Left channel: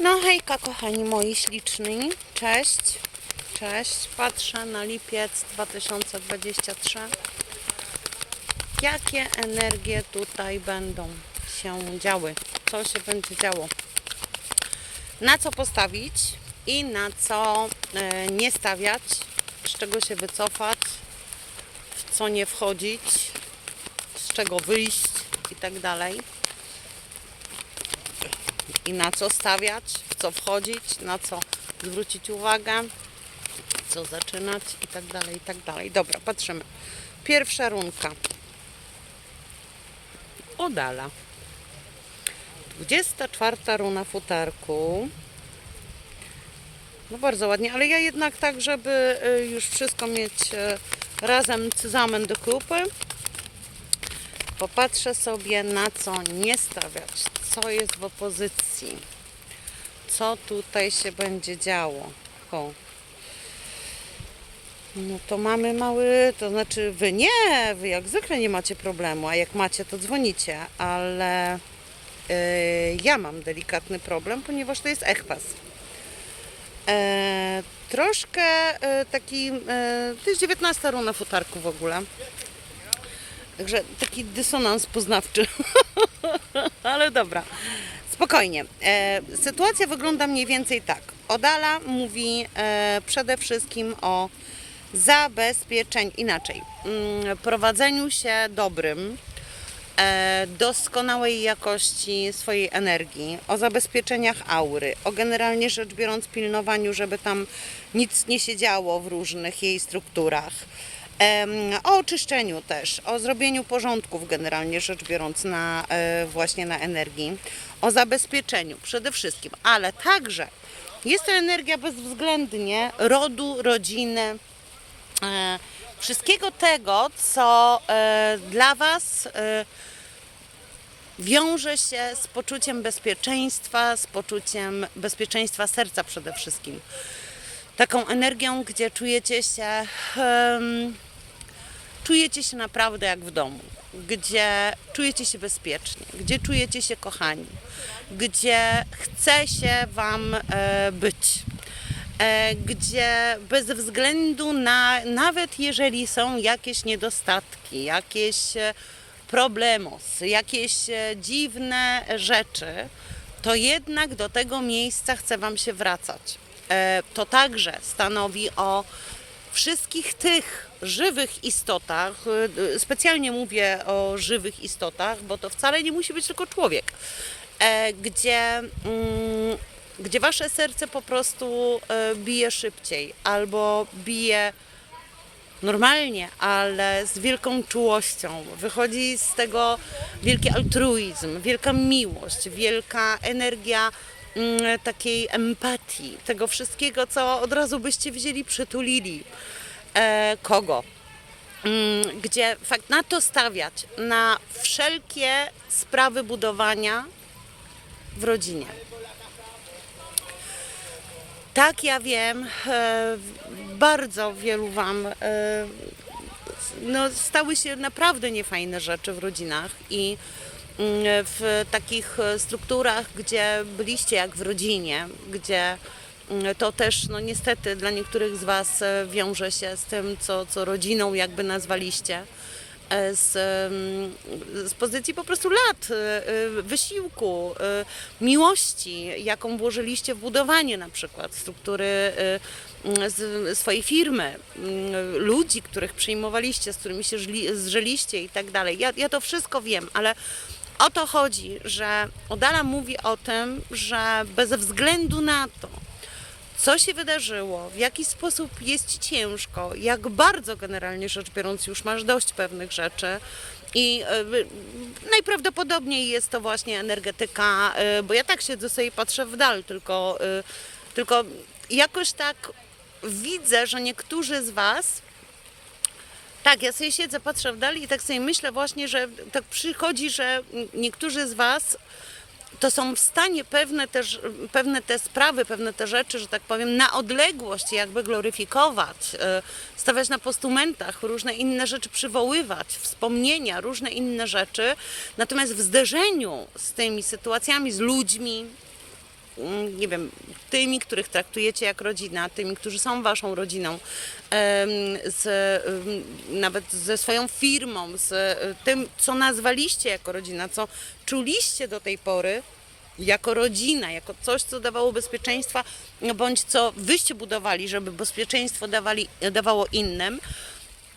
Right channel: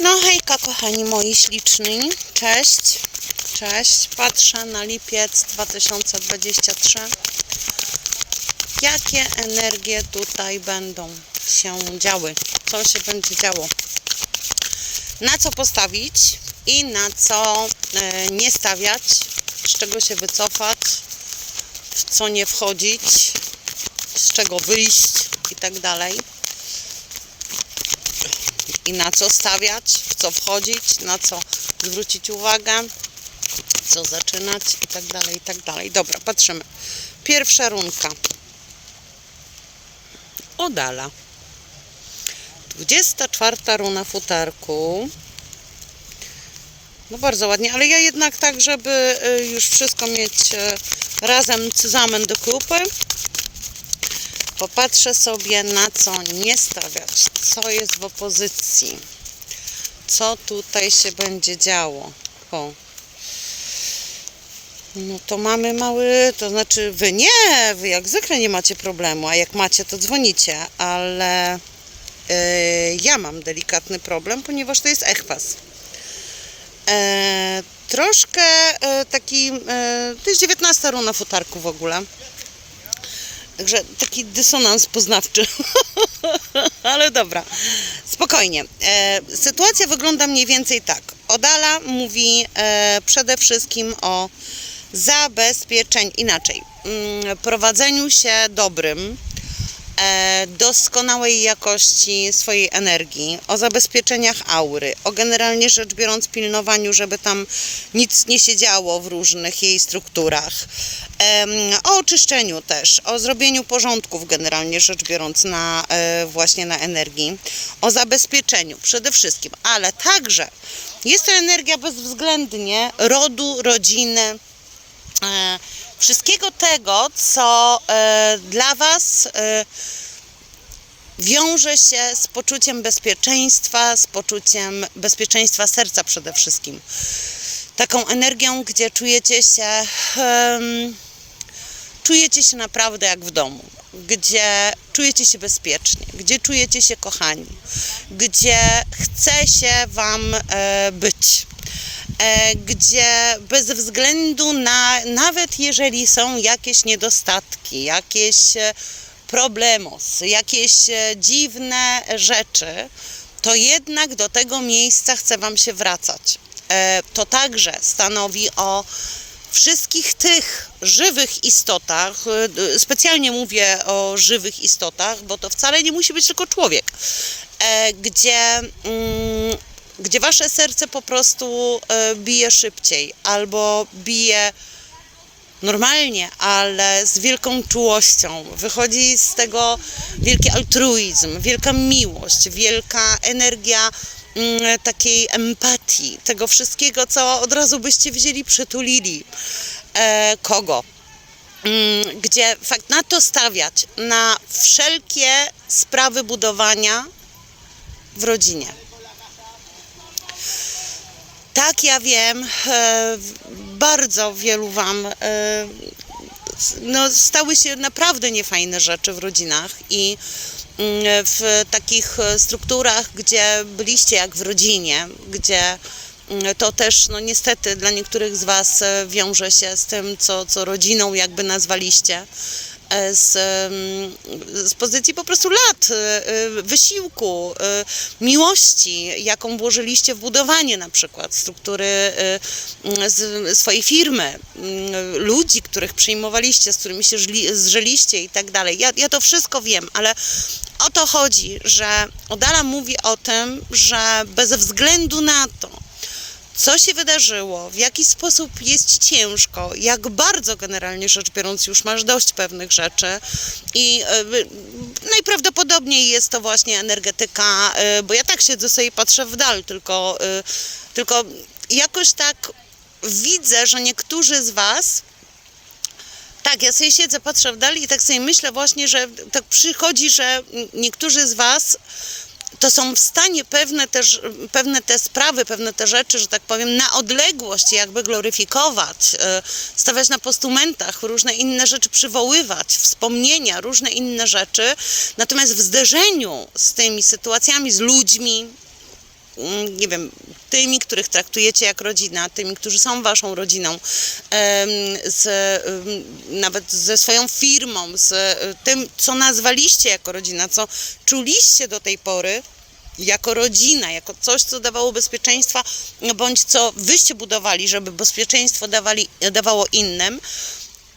No hejka kochani moi śliczni, cześć, cześć, patrzę na lipiec 2023. Jakie energie tutaj będą się działy, co się będzie działo, na co postawić i na co e, nie stawiać, z czego się wycofać, w co nie wchodzić, z czego wyjść? I tak dalej i na co stawiać, w co wchodzić, na co zwrócić uwagę, co zaczynać i tak dalej, i tak dalej. Dobra, patrzymy. Pierwsza runka. Odala. 24 runa futarku. No bardzo ładnie, ale ja jednak tak, żeby y, już wszystko mieć y, razem cyzamen do kupy, Popatrzę sobie na co nie stawiać, co jest w opozycji, co tutaj się będzie działo. O. No to mamy mały, to znaczy wy nie, wy jak zwykle nie macie problemu, a jak macie to dzwonicie, ale yy, ja mam delikatny problem, ponieważ to jest echpas. E, troszkę e, taki, e, to jest 19 runa futarku w ogóle. Także taki dysonans poznawczy. Ale dobra, spokojnie. E, sytuacja wygląda mniej więcej tak. Odala mówi e, przede wszystkim o zabezpieczeniu, inaczej, mm, prowadzeniu się dobrym, e, doskonałej jakości swojej energii, o zabezpieczeniach aury, o generalnie rzecz biorąc pilnowaniu, żeby tam nic nie się działo w różnych jej strukturach. O oczyszczeniu też, o zrobieniu porządków generalnie rzecz biorąc na e, właśnie na energii, o zabezpieczeniu przede wszystkim, ale także jest to energia bezwzględnie rodu, rodziny, e, wszystkiego tego, co e, dla Was wiąże się z poczuciem bezpieczeństwa, z poczuciem bezpieczeństwa serca przede wszystkim. Taką energią, gdzie czujecie się, em, czujecie się naprawdę jak w domu, gdzie czujecie się bezpiecznie, gdzie czujecie się kochani, gdzie chce się Wam e, być e, gdzie bez względu na, nawet jeżeli są jakieś niedostatki, jakieś e, problemos, jakieś dziwne rzeczy, to jednak do tego miejsca chce Wam się wracać. To także stanowi o wszystkich tych żywych istotach, e, specjalnie mówię o żywych istotach, bo to wcale nie musi być tylko człowiek, e, gdzie, mm, gdzie wasze serce po prostu e, bije szybciej albo bije normalnie, ale z wielką czułością. Wychodzi z tego wielki altruizm, wielka miłość, wielka energia takiej empatii, tego wszystkiego, co od razu byście wzięli, przytulili. E, kogo? Mm, gdzie fakt na to stawiać, na wszelkie sprawy budowania w rodzinie. Tak, ja wiem, e, bardzo wielu Wam e, no, stały się naprawdę niefajne rzeczy w rodzinach i mm, w takich e, strukturach, gdzie byliście jak w rodzinie, gdzie mm, to też no niestety dla niektórych z Was e, wiąże się z tym, co, co rodziną jakby nazwaliście. e, Z, em, z pozycji po prostu lat, wysiłku, miłości, jaką włożyliście w budowanie na przykład struktury swojej firmy, ludzi, których przyjmowaliście, z którymi się żli, i tak dalej. Ja, ja to wszystko wiem, ale o to chodzi, że Odala mówi o tym, że bez względu na to, co się wydarzyło, w jaki sposób jest ci ciężko, jak bardzo generalnie rzecz biorąc już masz dość pewnych rzeczy i e, najprawdopodobniej jest to właśnie energetyka, e, bo ja tak siedzę sobie i patrzę w dal, tylko, e, tylko jakoś tak widzę, że niektórzy z was tak, ja sobie siedzę, patrzę w dal i tak sobie myślę właśnie, że tak przychodzi, że niektórzy z was to są w stanie pewne też, pewne te sprawy, pewne te rzeczy, że tak powiem, na odległość jakby gloryfikować, e, stawiać na postumentach, różne inne rzeczy przywoływać, wspomnienia, różne inne rzeczy. Natomiast w zderzeniu z tymi sytuacjami, z ludźmi, nie wiem, tymi, których traktujecie jak rodzina, tymi, którzy są waszą rodziną, z, nawet ze swoją firmą, z e, tym, co nazwaliście jako rodzina, co czuliście do tej pory, jako rodzina, jako coś, co dawało bezpieczeństwa, no bądź co wyście budowali, żeby bezpieczeństwo dawali, dawało innym,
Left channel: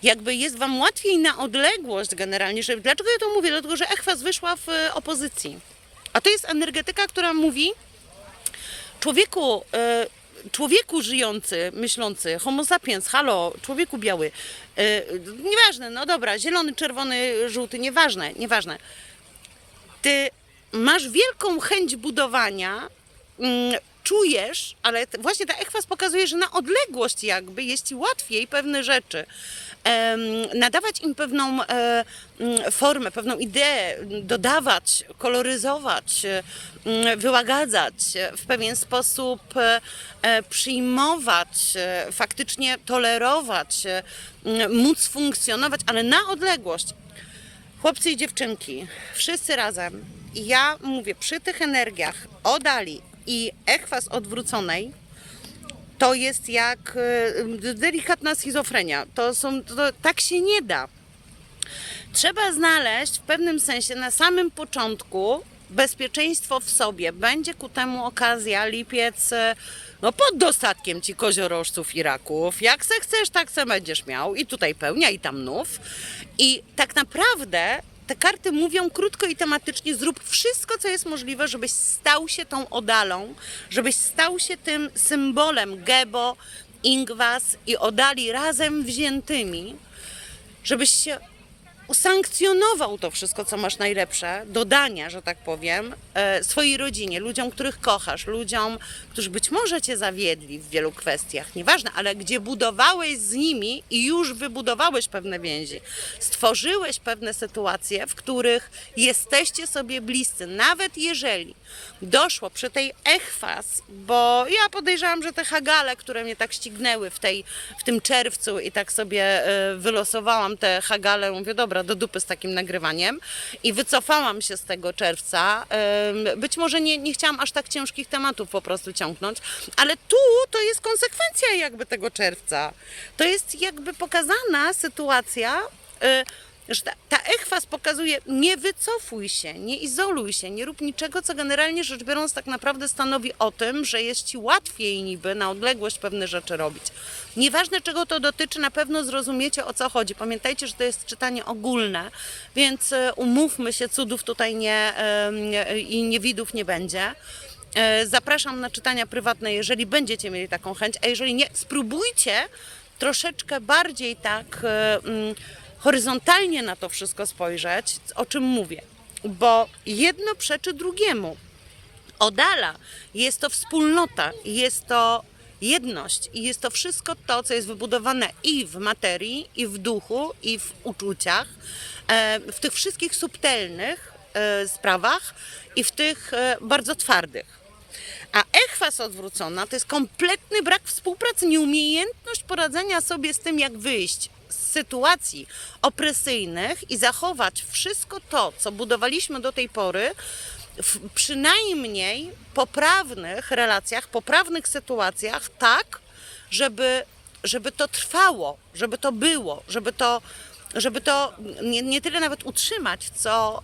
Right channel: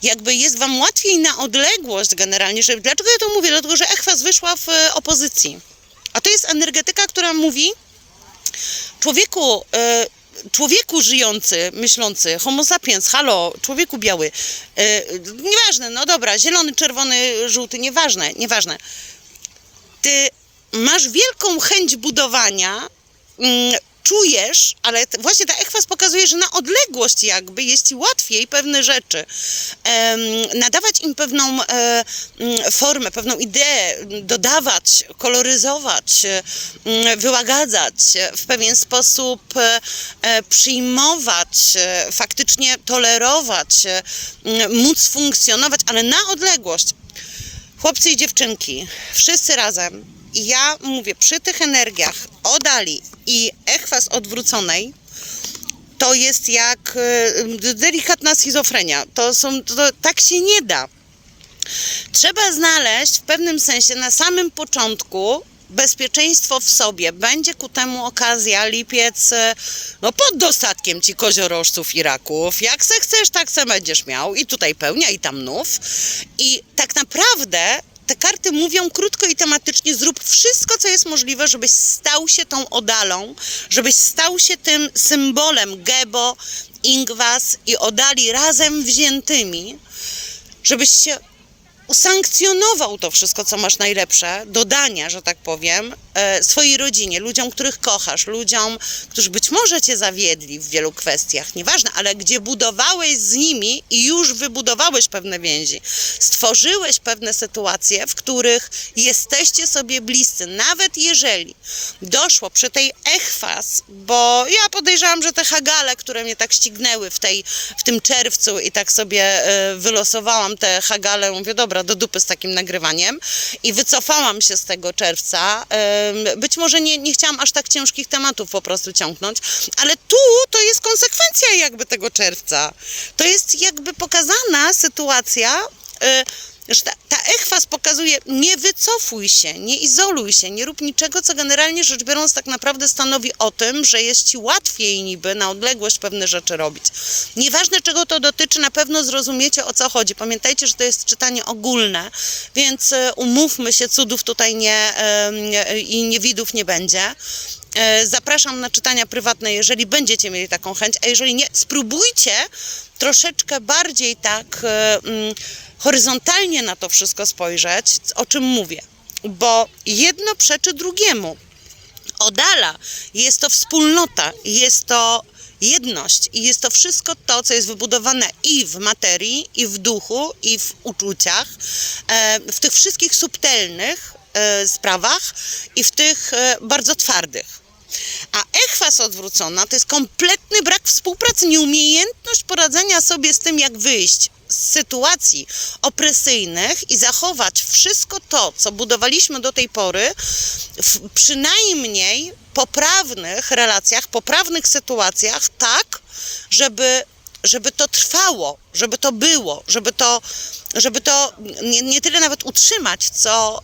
jakby jest wam łatwiej na odległość generalnie. Że, dlaczego ja to mówię? Dlatego, że Echwas wyszła w e, opozycji. A to jest energetyka, która mówi człowieku, e, człowieku żyjący, myślący, homo sapiens, halo, człowieku biały, e, nieważne, no dobra, zielony, czerwony, żółty, nieważne, nieważne. Ty masz wielką chęć budowania, mm, czujesz, ale właśnie ta ekwas pokazuje, że na odległość jakby jest ci łatwiej pewne rzeczy em, nadawać im pewną e, mm, formę, pewną ideę, dodawać, koloryzować, e, m, wyłagadzać, e, w pewien sposób e, e, przyjmować, e, faktycznie tolerować, e, m, móc funkcjonować, ale na odległość. Chłopcy i dziewczynki, wszyscy razem. Ja mówię, przy tych energiach odali i echwas odwróconej, to jest jak e, delikatna schizofrenia. To są, to, tak się nie da. Trzeba znaleźć w pewnym sensie na samym początku bezpieczeństwo w sobie. Będzie ku temu okazja, lipiec, e, no pod dostatkiem ci koziorożców i raków. Jak se chcesz, tak se będziesz miał. I tutaj pełnia, i tam nów. I tak naprawdę te karty mówią krótko i tematycznie, zrób wszystko, co jest możliwe, żebyś stał się tą odalą, żebyś stał się tym symbolem Gebo, Ingwas i odali razem wziętymi, żebyś się usankcjonował to wszystko, co masz najlepsze, dodania, że tak powiem, e, swojej rodzinie, ludziom, których kochasz, ludziom, którzy być może cię zawiedli w wielu kwestiach, nieważne, ale gdzie budowałeś z nimi i już wybudowałeś pewne więzi, stworzyłeś pewne sytuacje, w których jesteście sobie bliscy, nawet jeżeli doszło przy tej echwas, bo ja podejrzewam, że te hagale, które mnie tak ścignęły w, tej, w tym czerwcu i tak sobie e, wylosowałam te hagale, mówię, dobra, do dupy z takim nagrywaniem i wycofałam się z tego czerwca. Być może nie, nie chciałam aż tak ciężkich tematów po prostu ciągnąć, ale tu to jest konsekwencja jakby tego czerwca. To jest jakby pokazana sytuacja, e, że ta, ta echwas pokazuje, nie wycofuj się, nie izoluj się, nie rób niczego, co generalnie rzecz biorąc tak naprawdę stanowi o tym, że jest ci łatwiej niby na odległość pewne rzeczy robić. Nieważne czego to dotyczy, na pewno zrozumiecie o co chodzi. Pamiętajcie, że to jest czytanie ogólne, więc e, umówmy się, cudów tutaj nie i niewidów nie będzie. E, Zapraszam na czytania prywatne, jeżeli będziecie mieli taką chęć, a jeżeli nie, spróbujcie troszeczkę bardziej tak e, mm, horyzontalnie na to wszystko spojrzeć, o czym mówię. Bo jedno przeczy drugiemu. Odala jest to wspólnota, jest to jedność i jest to wszystko to, co jest wybudowane i w materii, i w duchu, i w uczuciach, e, w tych wszystkich subtelnych e, sprawach i w tych e, bardzo twardych. A echwas odwrócona to jest kompletny brak współpracy, nieumiejętność poradzenia sobie z tym, jak wyjść sytuacji opresyjnych i zachować wszystko to, co budowaliśmy do tej pory, w przynajmniej poprawnych relacjach, poprawnych sytuacjach, tak, żeby, żeby to trwało, żeby to było, żeby to, żeby to nie, nie tyle nawet utrzymać, co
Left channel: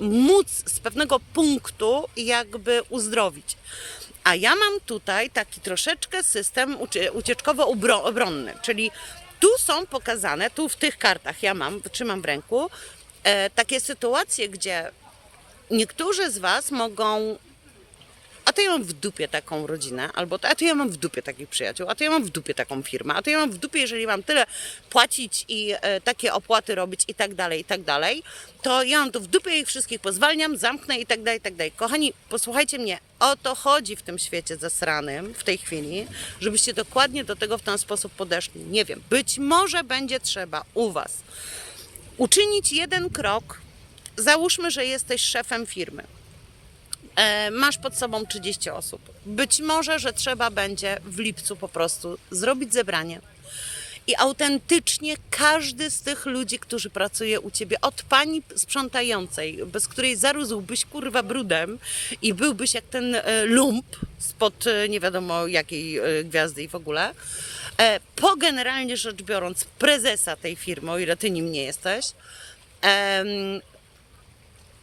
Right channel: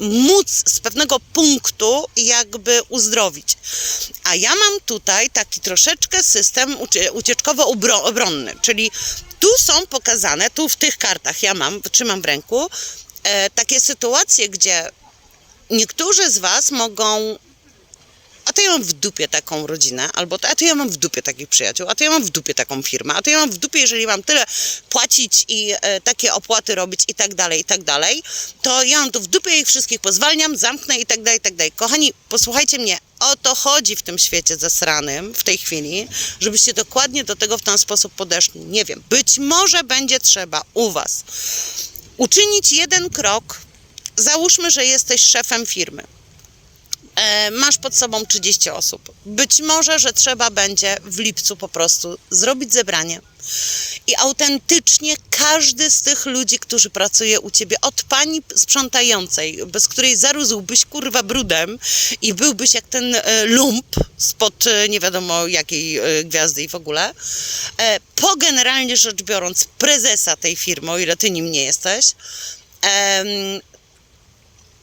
y, móc z pewnego punktu jakby uzdrowić. A ja mam tutaj taki troszeczkę system ucie- ucieczkowo-obronny, czyli tu są pokazane, tu w tych kartach ja mam, trzymam w ręku, e, takie sytuacje, gdzie niektórzy z Was mogą a to ja mam w dupie taką rodzinę, albo a to ja mam w dupie takich przyjaciół, a to ja mam w dupie taką firmę, a to ja mam w dupie, jeżeli mam tyle płacić i e, takie opłaty robić i tak dalej, i tak dalej, to ja mam to w dupie ich wszystkich pozwalniam, zamknę i tak dalej, i tak dalej. Kochani, posłuchajcie mnie, o to chodzi w tym świecie zasranym w tej chwili, żebyście dokładnie do tego w ten sposób podeszli. Nie wiem, być może będzie trzeba u Was uczynić jeden krok, załóżmy, że jesteś szefem firmy e, masz pod sobą 30 osób. Być może, że trzeba będzie w lipcu po prostu zrobić zebranie i autentycznie każdy z tych ludzi, którzy pracuje u ciebie, od pani sprzątającej, bez której zarósłbyś kurwa brudem i byłbyś jak ten e, lump spod e, nie wiadomo jakiej e, gwiazdy i w ogóle, po generalnie rzecz biorąc prezesa tej firmy, o ile ty nim nie jesteś,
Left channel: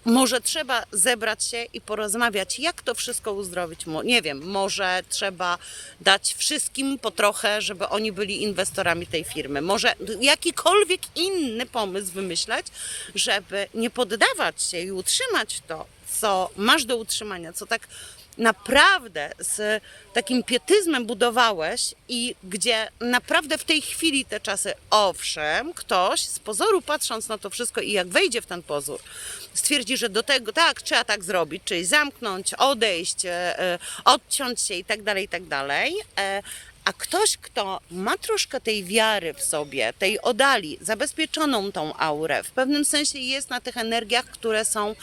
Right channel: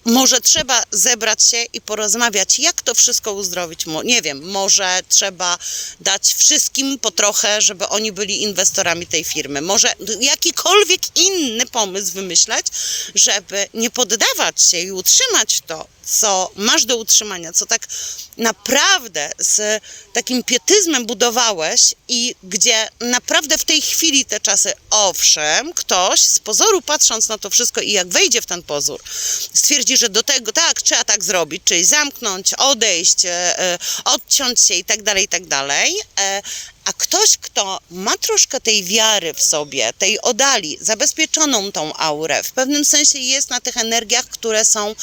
może trzeba zebrać się i porozmawiać, jak to wszystko uzdrowić. Nie wiem, może trzeba dać wszystkim po trochę, żeby oni byli inwestorami tej firmy. Może jakikolwiek inny pomysł wymyśleć, żeby nie poddawać się i utrzymać to, co masz do utrzymania, co tak naprawdę z takim pietyzmem budowałeś i gdzie naprawdę w tej chwili te czasy, owszem, ktoś z pozoru patrząc na to wszystko i jak wejdzie w ten pozór, stwierdzi, że do tego tak, trzeba tak zrobić, czyli zamknąć, odejść, e, e, odciąć się i tak dalej, i tak dalej. A ktoś, kto ma troszkę tej wiary w sobie, tej odali, zabezpieczoną tą aurę, w pewnym sensie jest na tych energiach, które są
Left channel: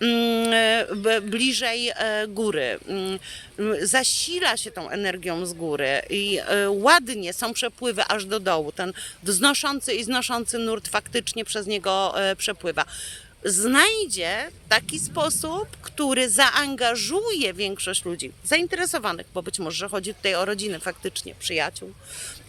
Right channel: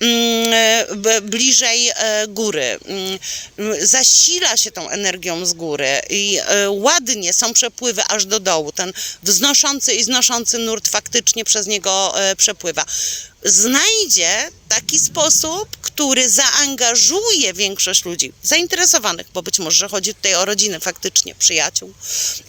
mm, bliżej e, góry. Mm, mm, zasila się tą energią z góry i e, ładnie są przepływy aż do dołu. Ten wznoszący i znoszący nurt faktycznie przez niego e, przepływa znajdzie taki sposób, który zaangażuje większość ludzi zainteresowanych, bo być może chodzi tutaj o rodziny faktycznie, przyjaciół,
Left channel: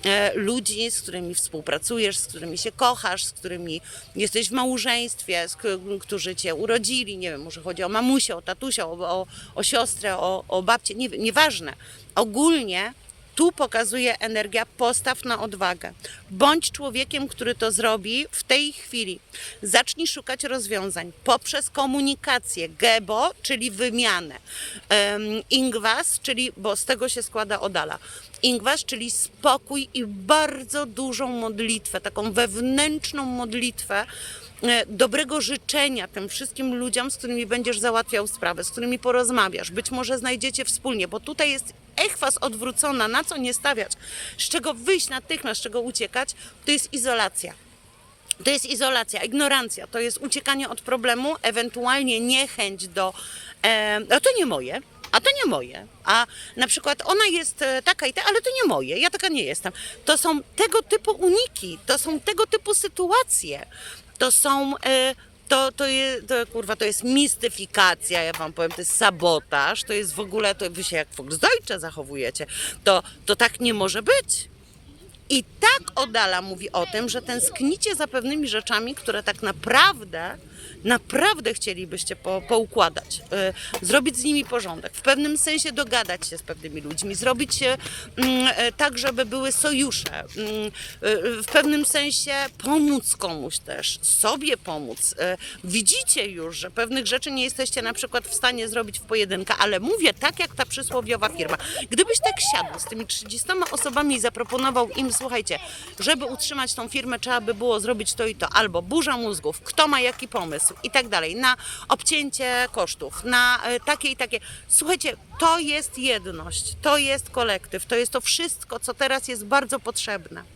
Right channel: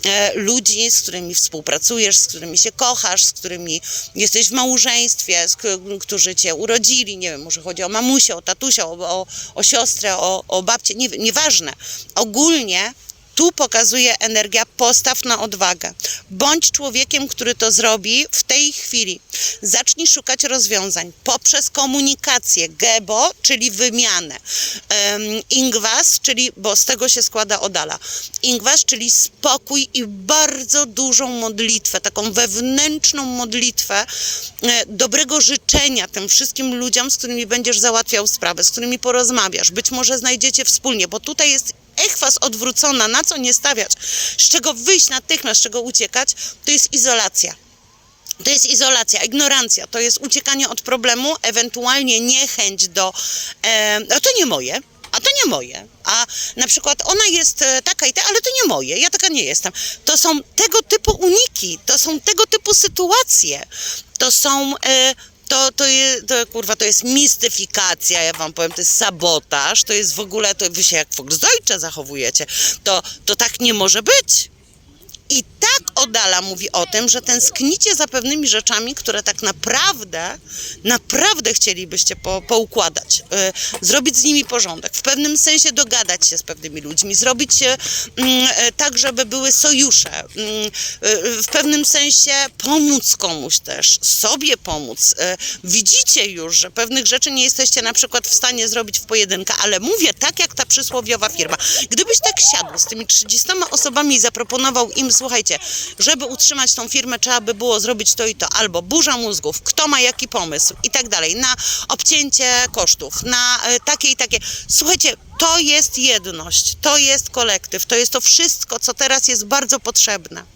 e, ludzi, z którymi współpracujesz, z którymi się kochasz, z którymi jesteś w małżeństwie, z, którzy cię urodzili, nie wiem, może chodzi o mamusię, o tatusia, o, o, o siostrę, o, o babcię, nie, nieważne. Ogólnie tu pokazuje energia postaw na odwagę. Bądź człowiekiem, który to zrobi w tej chwili. Zacznij szukać rozwiązań poprzez komunikację. Gebo, czyli wymianę. Ingwas, czyli, bo z tego się składa Odala. Ingwas, czyli spokój i bardzo dużą modlitwę, taką wewnętrzną modlitwę e, dobrego życzenia tym wszystkim ludziom, z którymi będziesz załatwiał sprawę, z którymi porozmawiasz. Być może znajdziecie wspólnie, bo tutaj jest echwas odwrócona, na co nie stawiać, z czego wyjść natychmiast, z czego uciekać, to jest izolacja. To jest izolacja, ignorancja, to jest uciekanie od problemu, ewentualnie niechęć do. E, a to nie moje. A to nie moje. A na przykład ona jest e, taka i ta, ale to nie moje, ja taka nie jestem. To są tego typu uniki, to są tego typu sytuacje. To są. E, to, to, jest, to, kurwa, to jest mistyfikacja, ja wam powiem, to jest sabotaż, to jest w ogóle, to wy się jak Volksdeutsche zachowujecie, to, to tak nie może być. I tak Odala mówi o tym, że tęsknicie za pewnymi rzeczami, które tak naprawdę, naprawdę chcielibyście po, poukładać, y, zrobić z nimi porządek, w pewnym sensie dogadać się z pewnymi ludźmi, zrobić mm, e, tak, żeby były sojusze, mm, y, w pewnym sensie pomóc komuś też, sobie pomóc. Y, widzicie już, że pewnych rzeczy nie jesteście na przykład w stanie zrobić w pojedynkę, ale mówię tak jak ta przysłowiowa firma. Gdybyś tak siadł z tymi 30 osobami i zaproponował im, słuchajcie, żeby utrzymać tą firmę, trzeba by było zrobić to i to, albo burza mózgów, kto ma jaki pomysł i tak dalej, na obcięcie kosztów, na e, takie i takie. Słuchajcie, to jest jedność, to jest kolektyw, to jest to wszystko, co teraz jest bardzo potrzebne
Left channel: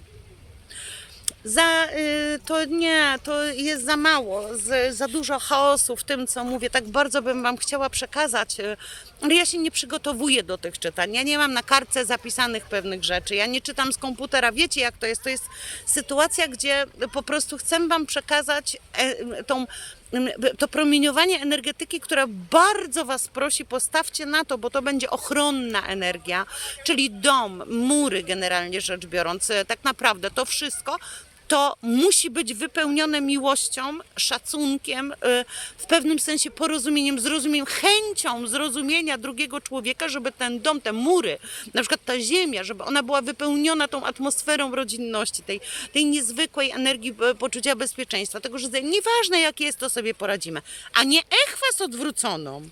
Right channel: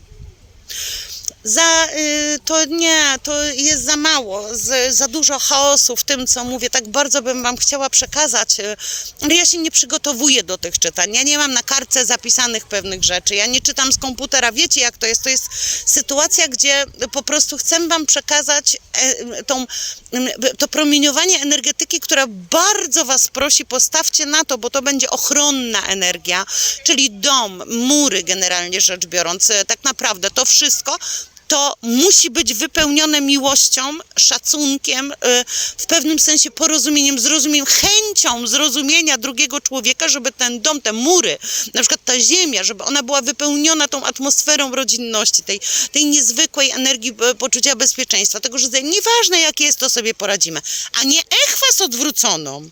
za, y, to nie, to jest za mało, za dużo chaosu w tym, co mówię. Tak bardzo bym Wam chciała przekazać, y, ale ja się nie przygotowuję do tych czytań. Ja nie mam na kartce zapisanych pewnych rzeczy. Ja nie czytam z komputera. Wiecie, jak to jest? To jest sytuacja, gdzie po prostu chcę Wam przekazać e, tą, m, to promieniowanie energetyki, która bardzo Was prosi, postawcie na to, bo to będzie ochronna energia, czyli dom, mury generalnie rzecz biorąc. E, Tak naprawdę to wszystko to musi być wypełnione miłością, szacunkiem, y, w pewnym sensie porozumieniem, zrozumieniem, chęcią zrozumienia drugiego człowieka, żeby ten dom, te mury, na przykład ta ziemia, żeby ona była wypełniona tą atmosferą rodzinności, tej, tej niezwykłej energii e, poczucia bezpieczeństwa, tego, że nieważne jakie jest, to sobie poradzimy, a nie echwas odwróconą.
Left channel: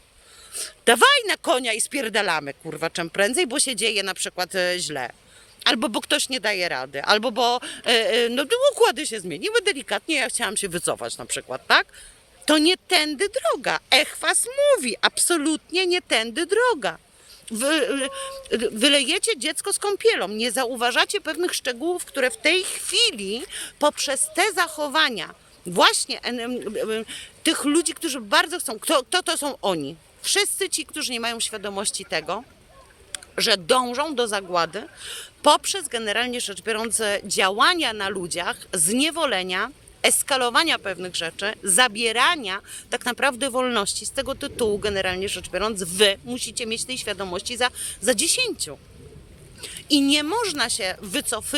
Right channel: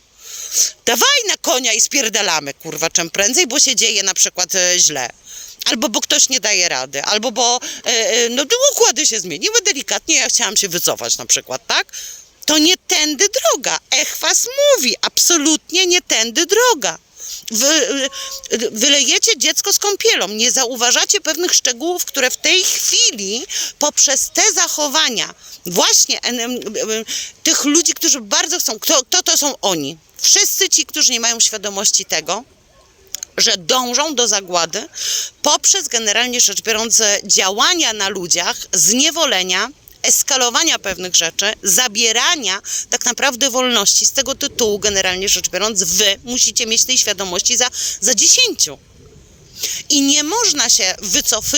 Dawaj na konia i spierdalamy, kurwa, czym prędzej, bo się dzieje na przykład e, źle. Albo bo ktoś nie daje rady, albo bo e, e, no, układy się zmieniły delikatnie, ja chciałam się wycofać na przykład, tak? To nie tędy droga. Echwas mówi, absolutnie nie tędy droga. Wy, y, wylejecie dziecko z kąpielą, nie zauważacie pewnych szczegółów, które w tej chwili poprzez te zachowania właśnie tych ludzi, którzy bardzo chcą, kto, kto to są oni? Wszyscy ci, którzy nie mają świadomości tego, że dążą do zagłady poprzez generalnie rzecz biorąc działania na ludziach, zniewolenia, eskalowania pewnych rzeczy, zabierania tak naprawdę wolności. Z tego tytułu, generalnie rzecz biorąc, wy musicie mieć tej świadomości za, za dziesięciu. I nie można się wycofywać.